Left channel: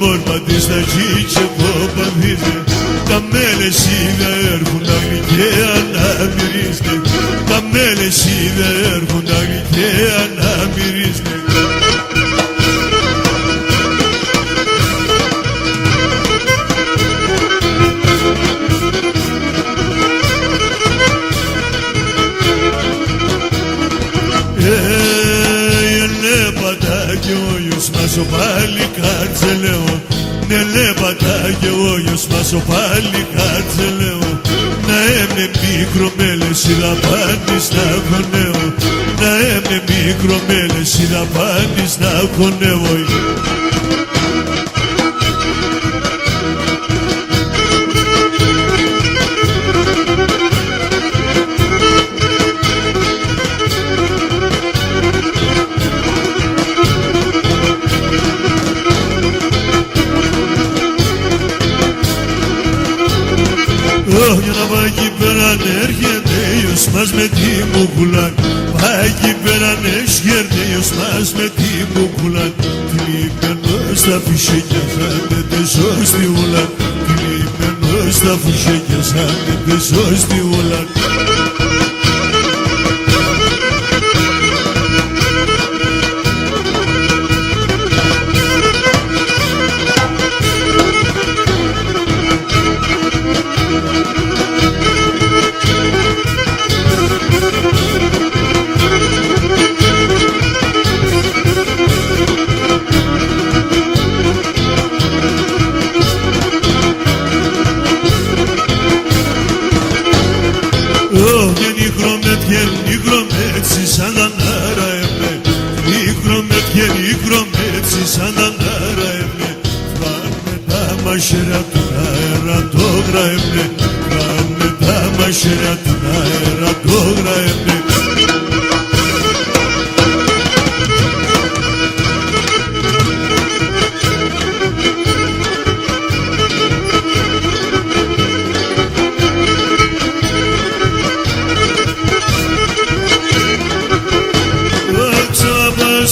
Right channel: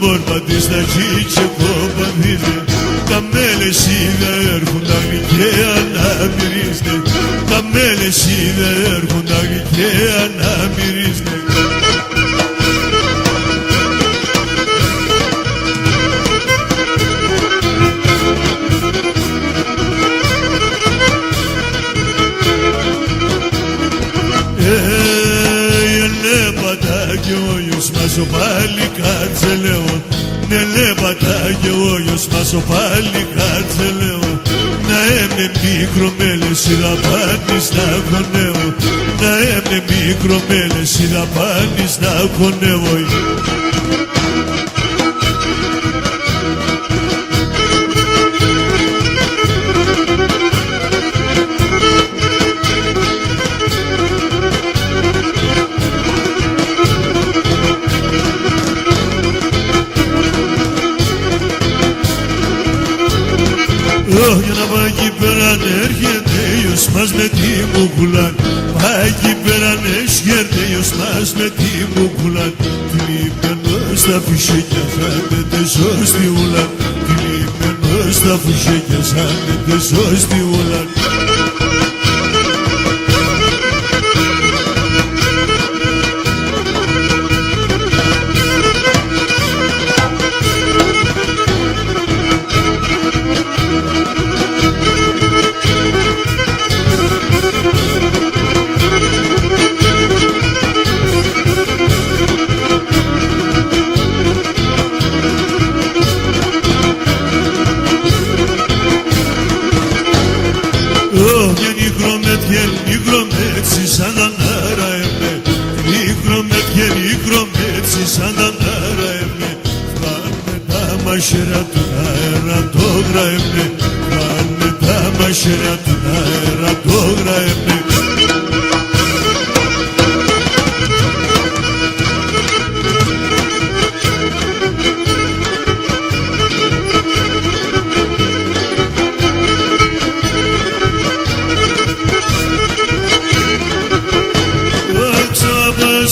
μόρμα της θα ζει και κόμμα βίδε. Τα μέλες σίγα έρχουν όλοι και αναπηρίζονται. Τα μέλες σίγα έρχουν όλοι και αναπηρίζονται. Σου πάλι κάτσε λέω, ναι λέβατα και όγιος μα σου πάλι κάτσε λέω. Να έμαι μικρομέλες να πάνεις να χωνεύω. Να έμαι μικρομέλες να πάνεις να χωνεύω. Μας με τη μουκουλάν, εκεί πέραν εσχερδέιος μας με τη μουκουλάν. Τυλίπαινος στα φουσέκια σαν τη σώστη ουλάν. Τυλίπαινος στα φουσέκια σαν τη σώστη ουλάν. Maşire tunayra dobra emne, ranne da maşire tunayra dobra emne.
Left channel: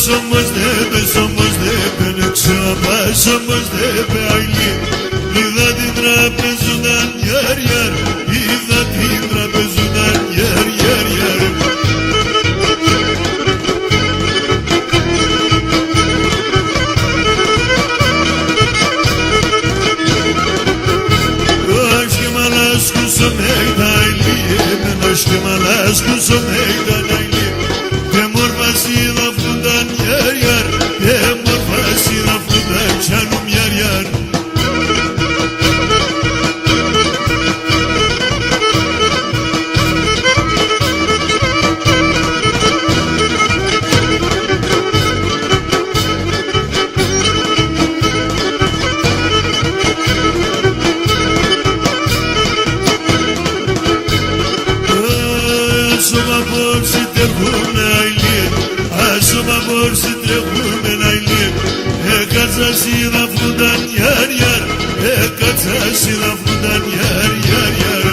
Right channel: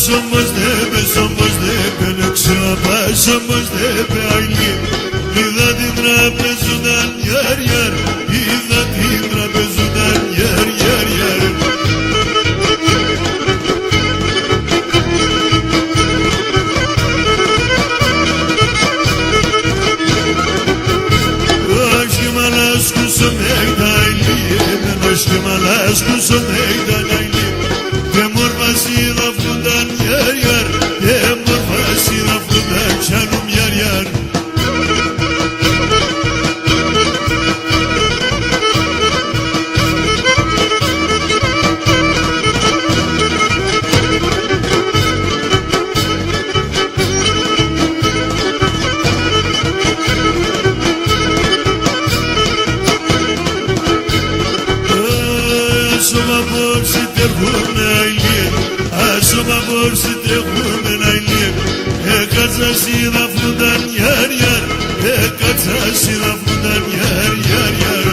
Somos debe, somos debe ayli. İğadi trapezudan yer yer, İğadi trapezudan yer yer yer. Aşkım alas kusum eydayli, ben aşkım alas kusum eydayli. Temur vasıyla fudan yer yer, temur vasıyla fudan canım yer yer. Asuma borsi te vurmayayım, asuma borsi te vurmayayım. Kaça sirafudan yer yer, kaça sirafudan yer yer yer.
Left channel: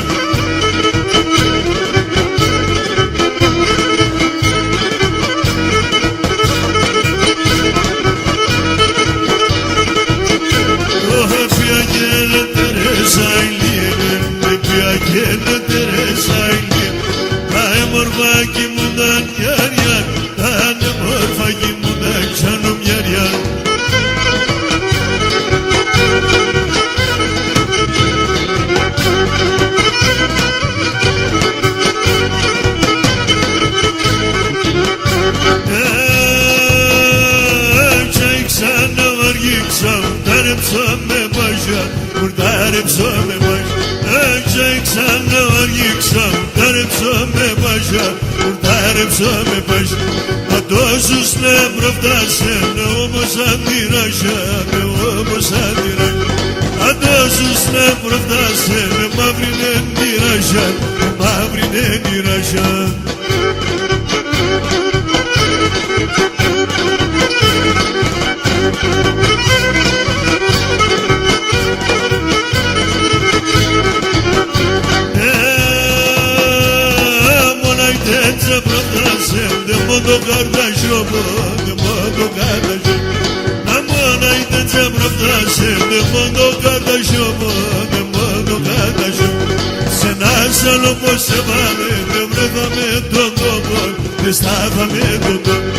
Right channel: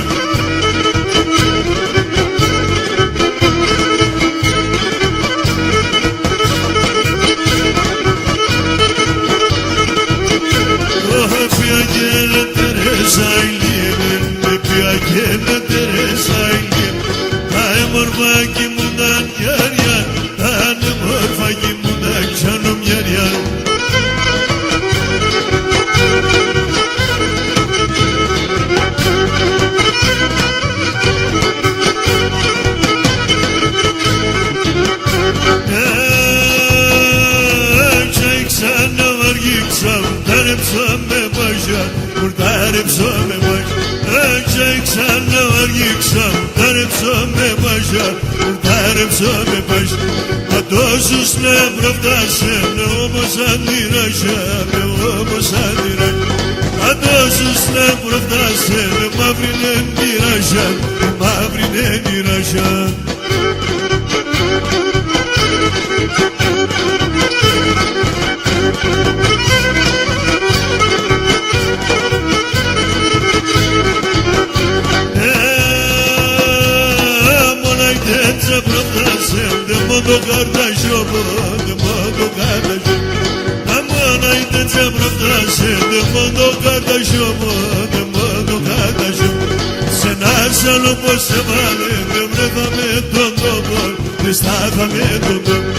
Oh hep ya gene teresaylıyım, hep ya gene teresaylıyım. Daimur fakimudan yer yer, daimur fakimudan canım yer yer. Çeksene var gitsem, darıp sömme başa, darıp sömme başa. Çeksene var gitsem, darıp sömme başa, darıp sömme başa. A dosus ne pravda se, ne obosan diraja, ne obosan diraja. A dosus ne pravda se, ne mavrine diraja, ne mavrine diraja. Monai te pravda se, ne modo kardeş yok, ne modo σιωπώνε μόνο καταζιώ. Σ' ένα άλλο πως σε βάλε, δεν βρέθαμε τον τόπο, δεν στάθαμε τον τόπο.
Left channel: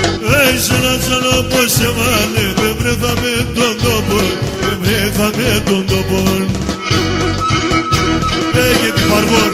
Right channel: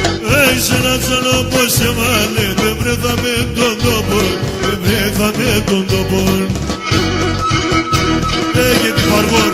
Σ' ένα άλλο πως σε βάλε, δεν βρέθαμε τον τόπο, δεν βρέθαμε τον τόπο. Γιατί παρβόν.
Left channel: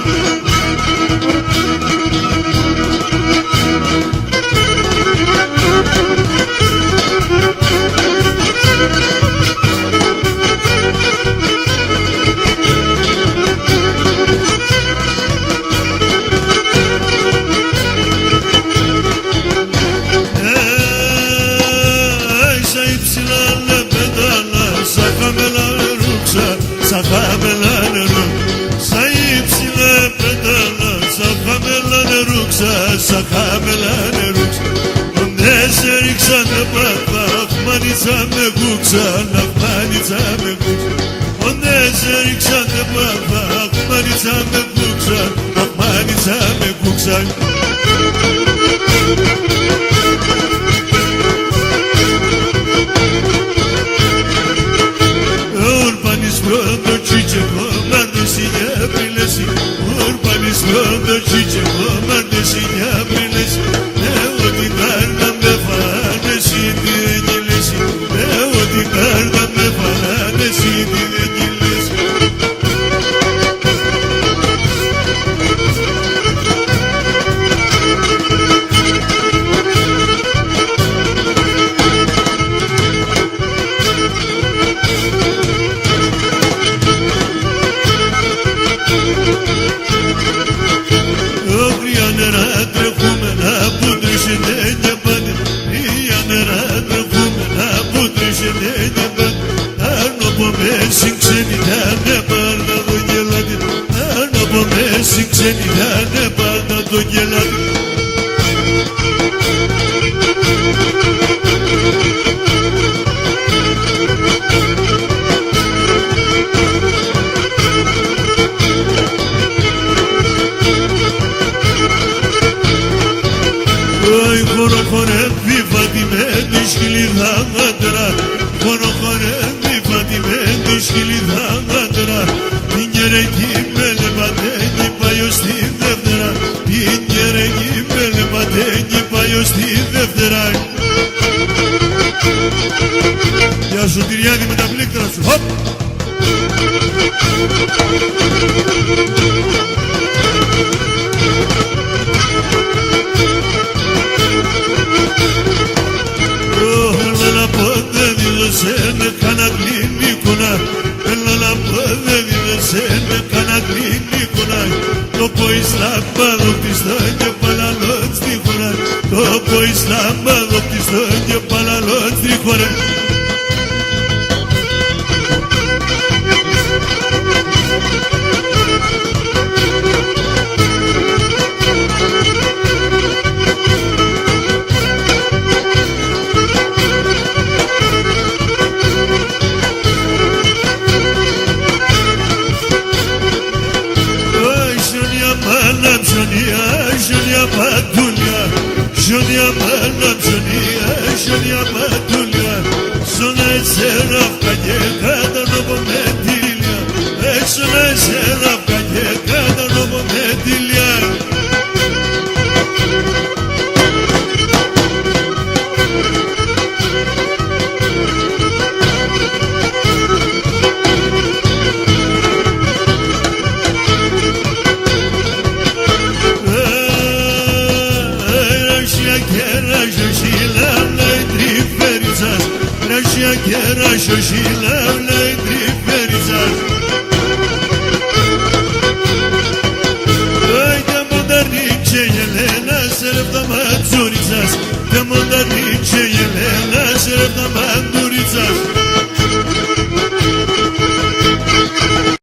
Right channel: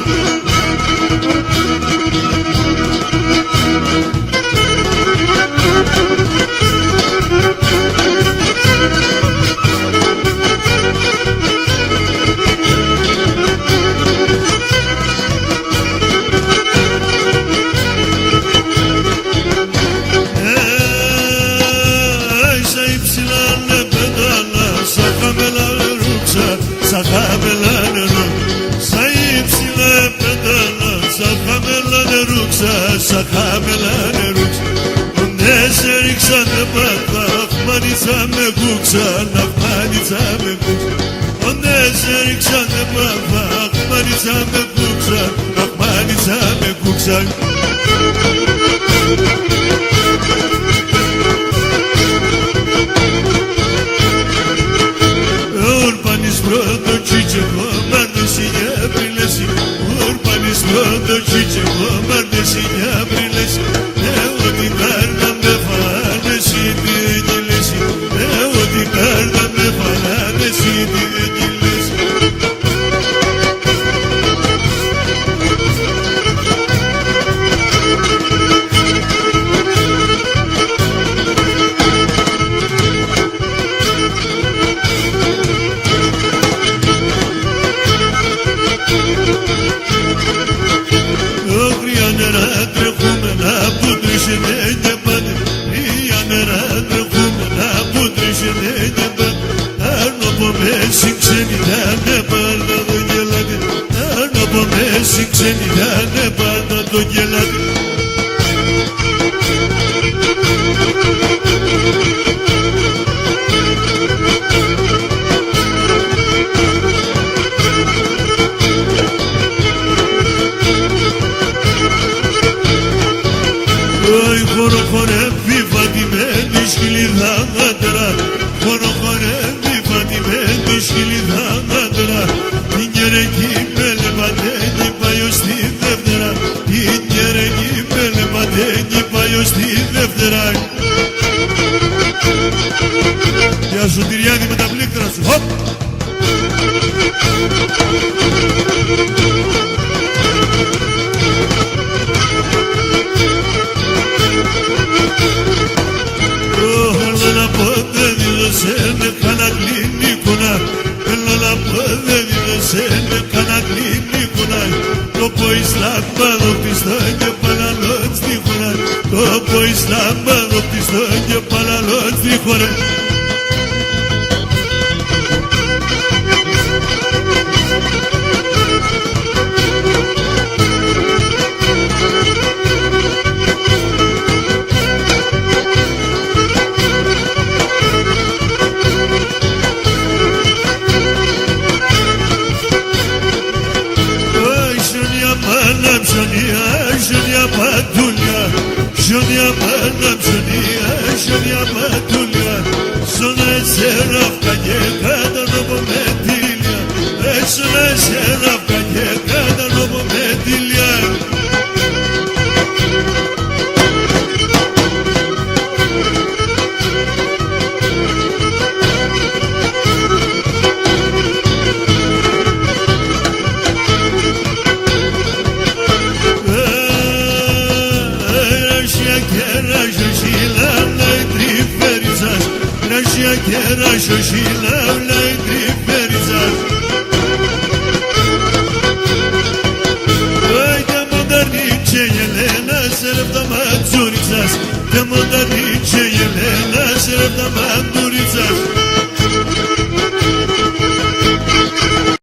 Sa kabelane ruksa, ne se riksa ne baba, manica me buksa, manica me buksa. Ne se riksa ne baba, manica me buksa, manica me buksa. Urbanis brodo chichimo, mardosine brilesi. Urbanis brodo chichimo, mardosine brilesi. Evo di carda me fanesi dinilesi. Evo di carda me fanesi dinilesi. Γεια σου Κυριάκη με τα πλήκτρα σου, χωπ! Έλα να πω δεν δήλωσένε κανένα κλινικούνα. Έλα να πω δεν δήλωσένε κανένα κλινικούνα. Το πω Ισλάμ πάνω πτιστό και παλαλόν στη χώρα. Το πω Ισλάμ πάνω πτιστό και παλαλόν στη χώρα. Shoshila